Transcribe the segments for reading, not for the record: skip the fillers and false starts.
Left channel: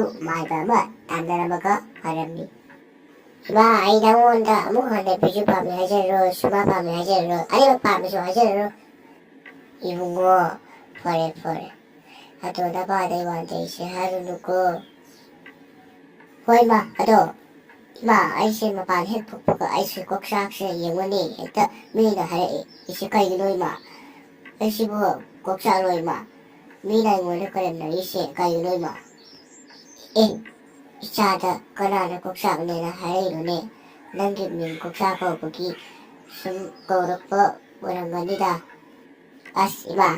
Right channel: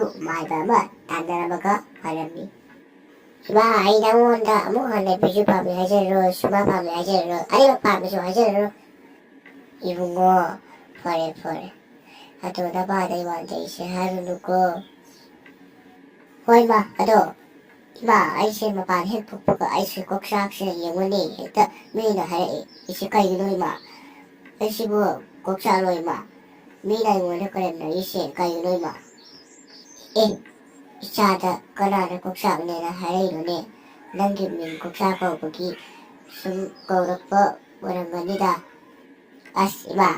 ꯑꯗꯨ ꯃꯥꯏꯕ ꯑꯃ ꯇꯥꯟꯅꯔꯝꯃꯒ ꯐꯔꯝꯃꯤ꯫ ꯏꯃꯥ ꯑꯩ ꯅꯪꯉꯣꯟꯗ ꯑꯃꯨꯛ ꯍꯟꯅ ꯕꯤꯖꯨ ꯄꯥꯝꯃꯦ ꯍꯥꯏꯖꯔꯔꯣꯏ, ꯁꯨꯃꯥ ꯄꯥꯝꯃꯦ ꯍꯥꯏꯖꯔꯔꯣꯏ, ꯑꯅꯤꯃꯛ ꯄꯥꯝꯃꯦꯁꯨ ꯍꯥꯏꯖꯔꯔꯣꯏ꯫ 이bungo fore ato nabada iwante ise harunuko hoi ma ado ima aise mapan hek pukpuka aise kokshakse yengwani hekta mina hare ise kaigino ima aise bu kokshalo ima mina ingwani karemna ise kaigino ima isada kanana kokshaknena hare irone nangi min kokshako bugi sum kaurakpa waranganida ima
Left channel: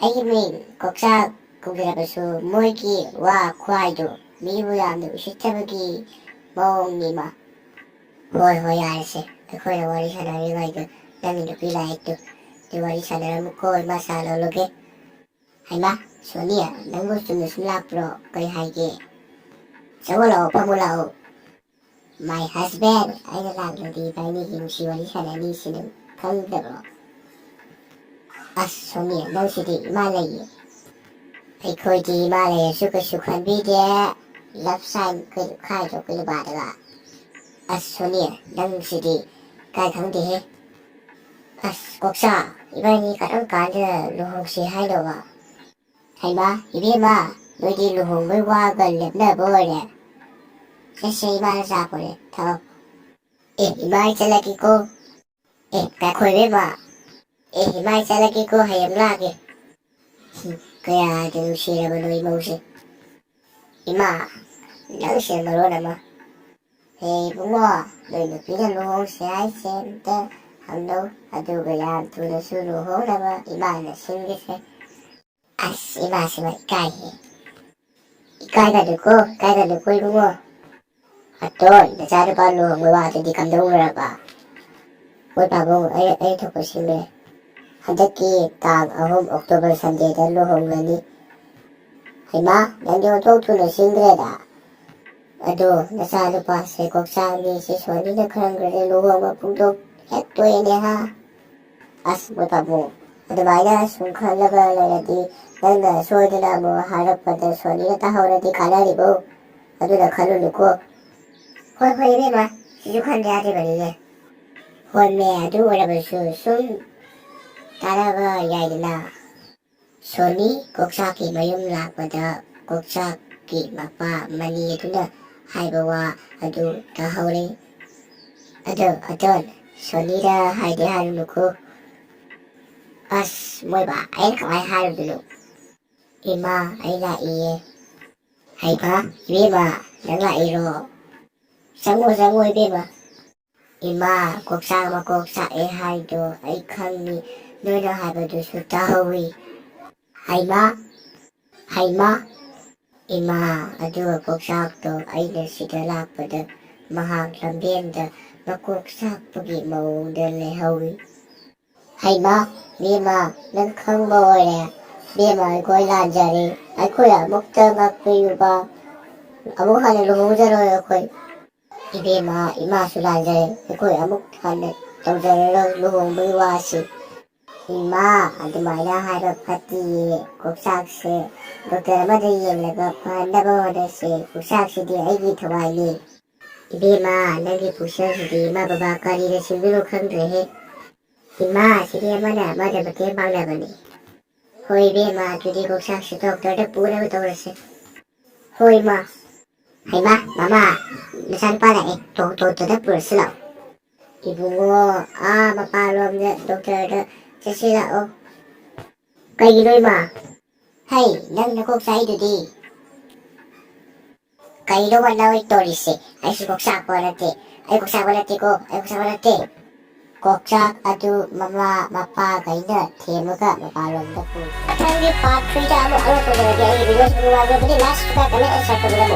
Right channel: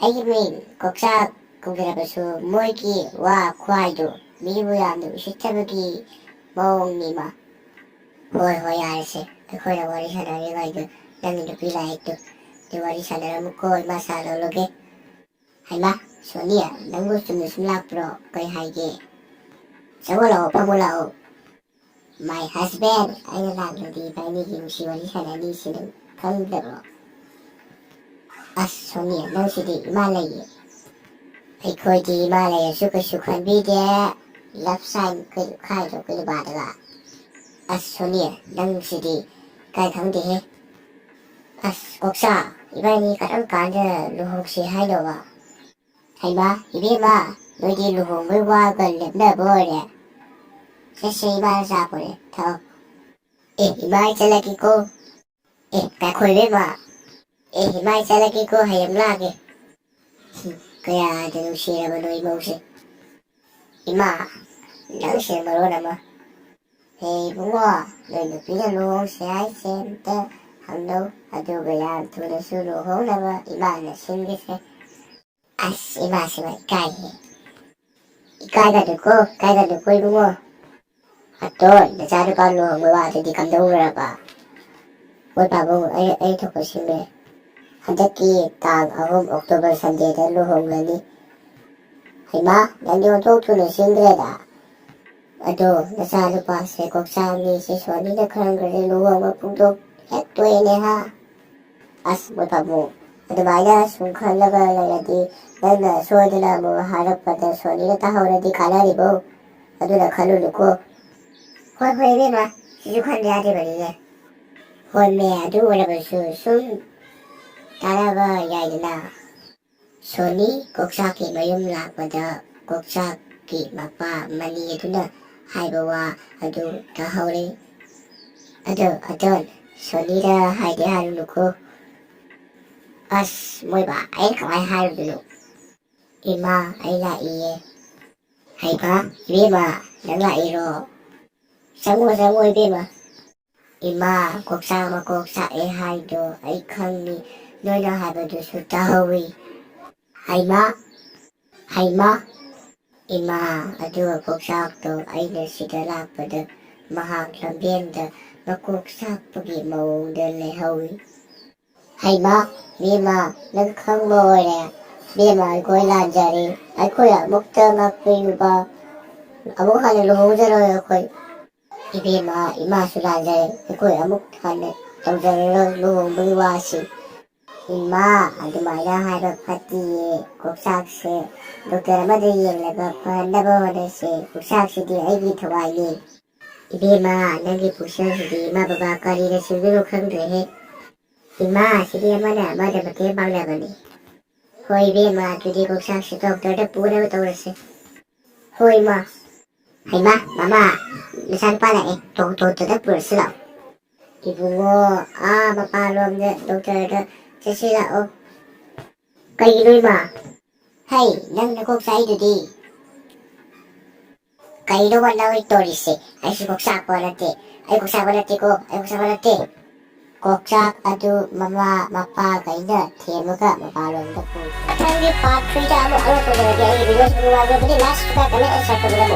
ꯑꯩꯒꯤ ꯃꯤꯡ ꯀꯣꯛꯆꯥꯛ ꯀꯧꯖꯔꯕꯁꯨ ꯃꯣꯏꯒꯤ ꯋꯥ ꯈꯨꯍꯥꯏꯗꯨ ꯃꯤꯕꯨ ꯌꯥꯝꯅ ꯎꯁꯤꯠꯇꯕꯒꯤ ꯃꯑꯣꯡꯅꯤꯃꯥ꯫ ꯍꯣꯏ ꯌꯥꯔꯁꯦ, ꯑꯩꯈꯣꯏꯅ ꯋꯥꯔꯤ ꯁꯥꯟꯅꯔꯤꯉꯩꯗ ꯅꯪꯒꯤ ꯅꯨꯄꯤ ꯂꯥꯏꯔꯤꯛꯇꯨ ꯋꯥꯔꯤ ꯁꯥꯟꯅꯔꯝꯃꯨꯀꯣ, ꯏꯃꯥ ꯆꯥ ꯂꯧꯔꯒꯦ꯫ ꯍꯩꯃꯥ ꯁꯣꯅꯤꯌꯥ, ꯅꯪꯕꯨ ꯆꯨꯝꯅ ꯁꯨꯝ ꯂꯥꯛꯄ꯭ꯔꯣ? ꯀꯩ ꯍꯥꯏꯒꯦ? ꯆꯪꯉꯣ ꯂꯥꯛꯑꯣ, ꯐꯝꯃꯣ ꯂꯥꯛꯑꯣ꯫ ꯃꯥꯏ ꯍꯁꯕꯦꯟ, ꯑꯩꯅ ꯂꯥꯛꯂꯗꯤ ꯏꯕꯥꯅꯤꯒꯤ ꯅꯨꯡꯁꯤ ꯋꯥꯔꯤ ꯁꯥꯟꯅꯅꯤ ꯁꯤ ꯅꯪ ꯈꯪꯗꯕ꯭ꯔꯣ? ꯑꯁ ꯁꯣꯅꯤꯌꯥ, ꯅꯪꯁꯤꯗꯤ ꯏꯃꯥ ꯂꯩꯌꯦ꯫ ꯑꯩꯈꯣꯏꯗꯤ ꯏꯃꯥ ꯂꯩꯔꯁꯨ ꯀꯩꯁꯨ ꯈꯟꯕꯤꯗꯦ, ꯂꯞ ꯁꯥꯏꯟ ꯈꯥꯏꯗ꯭ꯔꯣ ꯀꯩꯅꯣꯕꯥꯗꯒ꯫ ꯑꯁ ꯁꯣꯅꯤꯌꯥ, ꯅꯪꯁꯤꯗꯤ ꯀꯥꯏ ꯈꯪꯗꯦꯍꯦ꯫ ꯑꯁ ꯀꯣꯛꯆꯥ, 이번이 ꯀꯔꯝ ꯀꯥꯟꯗ ꯂꯨꯍꯣꯡꯁꯤ ꯍꯥꯏꯅꯣꯕ? ꯍꯩꯃꯥ 이ቤ마, ꯅꯣꯏꯗꯤ ꯂꯨꯍꯣꯡꯕꯩ ꯋꯥꯒ ꯂꯦꯞꯅꯕ ꯑꯣꯏꯔꯦ꯫ ꯁꯦ 이마ꯅ ꯆꯥ ꯄꯣꯔꯦ, ꯊꯛꯑꯣ꯫ 이마 ꯑꯩ ꯆꯠꯂꯒꯦꯀꯣ꯫ ꯉꯥꯏꯈꯣ 이ቤ마, 이마 ꯑꯩ ꯆꯠꯂꯒꯦꯀꯣ, ꯍꯌꯦꯡ ꯂꯥꯛꯑꯒꯦ꯫ ꯀꯌꯥꯗ ꯅꯨꯡꯁꯤꯔꯕꯅꯣ ꯏꯃꯧꯁꯦ꯫ ꯏꯃꯥ, ꯅꯪꯁꯦ ꯃꯔꯣꯟ ꯑꯃ꯫ ꯍꯦ ꯏꯕꯨꯡꯉꯣ, ꯅꯣꯏ ꯅꯨꯄꯤꯅ ꯂꯨꯍꯣꯡꯁꯦ ꯍꯥꯏꯁꯦ ꯑꯝꯇ ꯍꯪꯅꯧ, ꯑꯗꯨꯒ ꯌꯥꯝ ꯊꯨꯅꯁꯨ ꯂꯨꯍꯣꯡꯅꯕ ꯏꯃꯥꯅ ꯁꯤꯟꯒꯦꯁꯦ꯫ ꯑꯁ ꯏꯃꯥꯁꯤꯃ ꯏꯀꯥꯏꯍꯦ꯫ ꯏꯀꯥꯏꯒꯅꯨꯀꯣ ꯏꯕꯨꯡꯉꯣ꯫ ꯑꯇꯣꯟ, ꯅꯆꯥꯅꯨꯄꯥ ꯂꯨꯍꯣꯡꯕꯩ ꯋꯥꯗꯨꯗꯤ ꯀꯝꯗꯧꯔꯕ? ꯍꯣꯏ ꯄꯥꯕꯨꯡ, ꯑꯩ ꯊꯣꯛꯄ ꯁꯤꯜꯂꯦ꯫ ꯍꯟꯗꯛꯀꯤ ꯇꯥꯡ 3 ꯑꯣꯛꯇꯣꯕꯔ ꯁꯟꯗꯦꯗ ꯂꯨꯍꯣꯡꯒꯅꯤ꯫ ꯍꯩꯃꯥ, ꯅꯪꯗꯤ ꯑꯣꯟꯊꯣꯛ ꯊꯨꯅ ꯁꯤꯟꯈ꯭ꯔꯦꯗ꯫ ꯑꯗꯣ ꯅꯆꯥꯅꯨꯄꯥꯁꯦ ꯀꯣꯛꯆꯥꯛꯅꯤ ꯁꯤ ꯁꯣꯅꯤꯅ ꯈꯪꯈ꯭ꯔꯗꯤ ꯂꯨꯍꯣꯡꯕ ꯄꯨꯡꯗꯣꯛ ꯍꯦꯛ ꯇꯣꯛꯑꯦꯅꯦ ꯍꯥ꯫ ꯑꯁ ꯃꯣꯏ ꯄꯥꯕꯨꯡ, ꯑꯗꯨꯃꯥꯏꯅ ꯁꯨꯝ ꯈꯜꯂꯒ ꯂꯩꯔꯗꯤ ꯅꯪꯅ ꯁꯣꯏꯗꯅ ꯑꯃꯨꯛ ꯍꯥꯏꯔꯛꯄꯗ ꯁꯣꯅꯤꯅ ꯇꯥꯍꯧꯔꯗꯤ ꯀꯥꯟꯅꯔꯤꯕꯣ, ꯑꯗꯨꯅ ꯈꯜꯂꯨꯅꯨꯀꯣ꯫ ꯍꯣꯏ 이ቤ마, ꯁꯤꯁꯨ ꯈꯟꯗ ꯌꯥꯗ꯭ꯔꯤꯕꯅꯤꯅꯦ꯫ ꯍꯣꯏꯃꯦ, ꯑꯗꯨ ꯑꯣꯏꯔꯕꯁꯨ ꯁꯨꯝ ꯇꯥꯟꯅꯕ ꯌꯥꯏꯗꯅ꯫ ꯁꯣꯅꯤ ꯀꯣꯛꯆꯥꯛꯀꯤ ꯃꯌꯨꯝ ꯂꯥꯛꯄꯗ ꯀꯣꯛꯆꯥꯛꯀꯤ ꯃꯄꯥ ꯃꯅꯤ ꯑꯗꯨꯅ ꯍꯥꯏꯕ ꯋꯥ ꯑꯗꯨ ꯇꯥꯍꯧꯔꯦ꯫ ꯑꯗꯣ ꯑꯇꯣꯟ, ꯁꯣꯅꯤꯗ ꯍꯥꯏꯗꯤ ꯍꯥꯏꯔꯨꯅꯨꯀꯣ꯫ ꯑꯁ ꯃꯣꯏꯕꯥ, ꯑꯩꯅ ꯀꯃꯥꯏꯅ ꯍꯥꯏꯔꯨꯗꯣꯏꯅꯣ? ꯏꯃꯥ ꯑꯩ ꯂꯥꯛꯏꯌꯦ꯫ ꯍꯩꯃꯥ 이ቤ마, ꯅꯪ ꯂꯥꯛꯏꯔꯣ? ꯆꯪꯉꯣ 이ቤ마꯫ ꯏꯃꯥ, ꯀꯣꯛꯆꯥꯛ ꯃꯀꯣꯛ ꯆꯥꯛꯑꯦ ꯍꯥꯏꯗꯣ ꯑꯩ ꯈꯪꯉꯤ, ꯅꯣꯏꯅ ꯍꯥꯏꯕꯗꯨꯁꯨ ꯇꯥꯍꯧꯏ꯫ ꯍꯩꯃꯥ ꯏꯃꯥ, ꯑꯗꯨꯒ ꯀꯣꯛꯆꯥꯛꯇꯣ ꯑꯩꯅ ꯁꯤꯗ ꯂꯥꯛꯄꯗ ꯃꯍꯥꯛ ꯂꯝꯕꯦꯟꯗ ꯃꯀꯣꯛ ꯆꯥꯛꯄꯒꯤ ꯃꯑꯣꯡꯗ ꯂꯩꯍꯧꯏ꯫ ꯍꯩꯃꯥ ꯏꯕꯦꯝꯃ, ꯅꯪ ꯈꯪꯕ ꯑꯣꯏꯔꯦ꯫ ꯏꯕꯦꯝꯃ, ꯑꯩꯈꯣꯏ ꯂꯥꯟꯖꯔꯦ, ꯑꯩꯈꯣꯏ ꯑꯃꯨꯛꯇ ꯉꯥꯛꯄꯤꯌꯨꯕ, ꯑꯃꯨꯛ ꯍꯟꯅ ꯂꯨꯍꯣꯡꯖꯔꯣꯏ ꯑꯩꯈꯣꯏ꯫ 이ቤ마, 이마ꯁꯨ ꯂꯥꯟꯖꯔꯦ, ꯑꯩꯈꯣꯏ ꯑꯃꯨꯛ ꯍꯟꯅ ꯇꯧꯖꯔꯔꯣꯏ ꯂꯨꯍꯣꯡꯕꯒꯤ ꯋꯥꯁꯤ꯫ ꯏꯃꯥ, ꯑꯗꯨꯃꯥꯏꯅ ꯍꯥꯏꯕ ꯐꯠꯇꯤꯌꯦ, ꯀꯣꯛꯆꯥꯛꯁꯦ ꯗꯣꯛꯇꯔ ꯑꯃꯗ ꯌꯦꯡꯂꯒ ꯐꯍꯟꯅꯕ ꯍꯣꯠꯅꯁꯦ, ꯀꯣꯛꯆꯥꯛꯁꯤꯗꯤ ꯑꯩꯒꯤ ꯊꯋꯥꯏꯅꯤ꯫ 이ቤ마, ꯅꯪꯒꯤ ꯄꯨꯛꯆꯦꯜꯁꯤꯗꯤ ꯏꯃꯥ ꯕꯕꯥ ꯀꯔꯤꯗ ꯁꯤꯡꯗꯣꯏꯅꯣ ꯈꯪꯗ꯭ꯔꯦꯍꯦ꯫ ꯏꯃꯥ, ꯁꯤꯗꯤ ꯑꯃꯅ ꯃꯇꯦꯡ ꯄꯥꯡꯅꯕꯅꯤ꯫ ꯍꯣꯏ 이ቤ마, ꯑꯗꯨꯗꯤ ꯀꯣꯛꯆꯥꯛꯁꯤ ꯗꯣꯛꯇꯔꯗ ꯄꯨꯅꯕ ꯇꯧꯔꯁꯦ꯫ ꯍꯣꯏ ꯏꯃꯥ꯫ ꯍꯩꯃꯥ ꯃꯃꯥ, ꯅꯆꯥꯅꯨꯄꯥ ꯂꯥꯛꯑꯦ, ꯗꯣꯛꯇꯔꯗ ꯄꯨꯔꯁꯤ ꯂꯥꯛꯑꯣ꯫ 이bungo, ꯃꯄꯥꯟꯂꯣꯝꯗ ꯗꯣꯛꯇꯔꯗ ꯆꯠꯁꯤ ꯂꯥꯛꯑꯣ꯫ ꯀꯩꯒꯤꯅꯣ ꯏꯃꯥ? ꯍꯩ, ꯅꯪ ꯅꯀꯣꯛ ꯆꯥꯛꯏꯗꯨꯗꯤ꯫ ꯀꯩꯅꯣꯕ ꯅꯣꯏ ꯇꯧꯔꯤꯁꯦ? ꯑꯩꯁꯨ ꯀꯣꯛꯆꯥꯛꯄ ꯅꯠꯇꯦ, ꯑꯩ ꯀꯣꯛꯆꯥꯛꯄ ꯅꯠꯇꯦꯀꯣ, ꯑꯩ ꯀꯣꯛꯆꯥꯛꯄ ꯅꯠꯇꯦ꯫ ꯀꯣꯛꯆꯥꯛ ꯑꯗꯨ ꯃꯃꯥ ꯃꯄꯥꯈꯩꯅ ꯊꯦꯝꯃꯒ ꯃꯄꯥꯟꯂꯣꯝꯗ ꯄꯨꯈꯤ꯫ ꯃꯊꯪꯒꯤ ꯄꯥꯔꯠ 3ꯗ ꯑꯃꯨꯛ ꯑꯞꯂꯣꯗ ꯇꯧꯖꯔꯒꯦ꯫ ꯑꯩꯒꯤ ꯚꯤꯗꯤꯑꯣꯁꯤ ꯅꯨꯡꯉꯥꯏꯖꯔꯕꯗꯤ ꯂꯥꯏꯛ, ꯁꯕꯁꯀ꯭ꯔꯥꯏꯕ, ꯀꯃꯦꯟ ꯑꯦꯟ ꯁꯦꯌꯔ ꯇꯧꯕꯤꯔꯝꯃꯨ꯫